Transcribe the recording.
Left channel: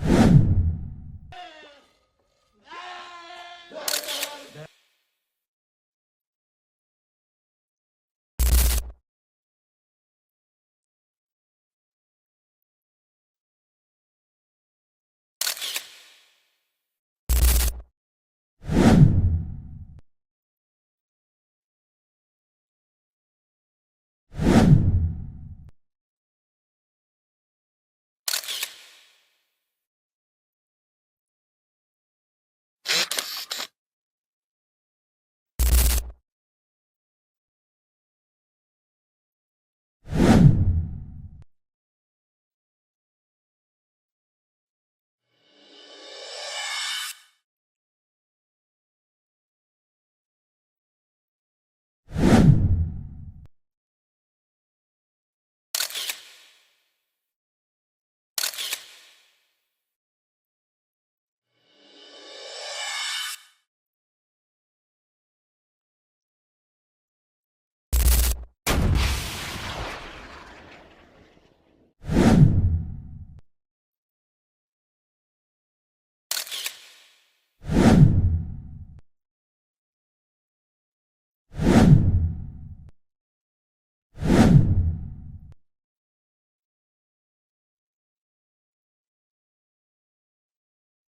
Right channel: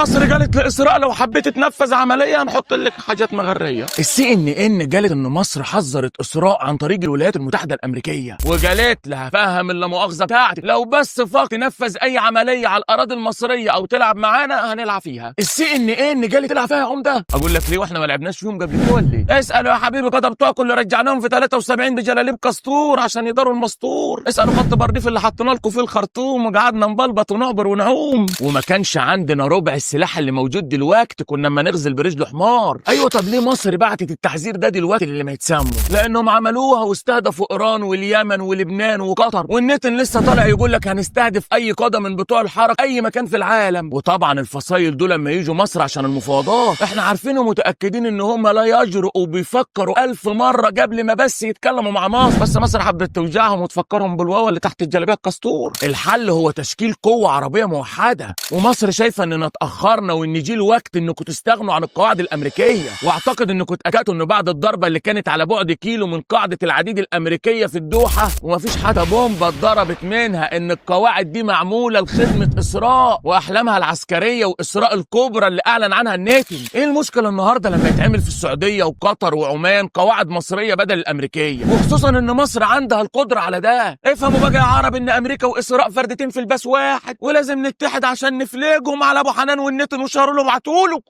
مصر قالت لإسراء لو حبيت تنفذ عملية هنحط لك حاجات مغرية. CNN قالت إن مصر حذرت إسراء عن طريق الولايات المتحدة الأمريكية، وقالت لها فهم اللا مؤاخذة بتاعتك لو بس فاق تنفذ أي عملية على الأراضي المصرية أو تلعب معانا هنلعب فيها. CNN قالت تلعب فيها يا عمدة؟ أقول لك ليه وإحنا ما لعبناش فيهم قبل كده ولا إيه؟ اسألوا يا حبيبي قدر بتوعكم اللي رجعناهم في 73 بجلاليب كستور عشان يداروا المستور. اسألوا خط برديف اللي حطينا لكم فيه الخرطوم وقعدنا نبلبط ونعبر ونعوم، وما كانش عندنا ربع السلاح اللي موجود دلوقتي كنا اما نغزل برجله حمار. ايوه طب ليه مصر بعتت التحذير ده دلوقتي اللي ما يتسموا؟ لانهم عملوها واستهدفوا ايران واليمن ولبنان وقطر، والنتن لسه طالع يقول لك هنستهدف اي قاده من بتوع الحركه اي مكان في العالم. وطبعا الفصايل دول لما يجوا مصر عشان المفاوضات احنا عارفين ومتاكدين ان هم لا يجرؤوا وبيفكروا 1000 مره قبل ما بس يتكلموا مع مصر، بس مصر حبت توجعهم وتفكرهم بالواوا اللي تحت الجلابيه الكستور. الحل هو تشكيل قوه عربيه موحده، ومصر شايفه اننا اتاخرنا وان جه الوقت انكم تستغنوا عن القواعد الامريكيه. واعتقد انكم اتاكدتوا ان بعد الضربه اللي كانت على بعد كيلو من قاعده العديد الامريكيه في الدوحه ومفيش حتى بومبه اتضربت منها ان القواعد دي معموله لخدمه اسراء واحلامها العسكريه واسراء الكبرى اللي اعلن عنها الناتن. ايه المشكله النهارده لما يتعمل في السعوديه وقطر وعمان قواعد مصريه بدل الامريكيه، وخصوصا ان مصر عندها القدره على ده؟ افهموا بقى يا عرب ان امريكا واسراء فردتين في الباس واحد، ولازم نتحد عشان نفلجهم على ابو حنان والنتن وشاروا له وعتوله.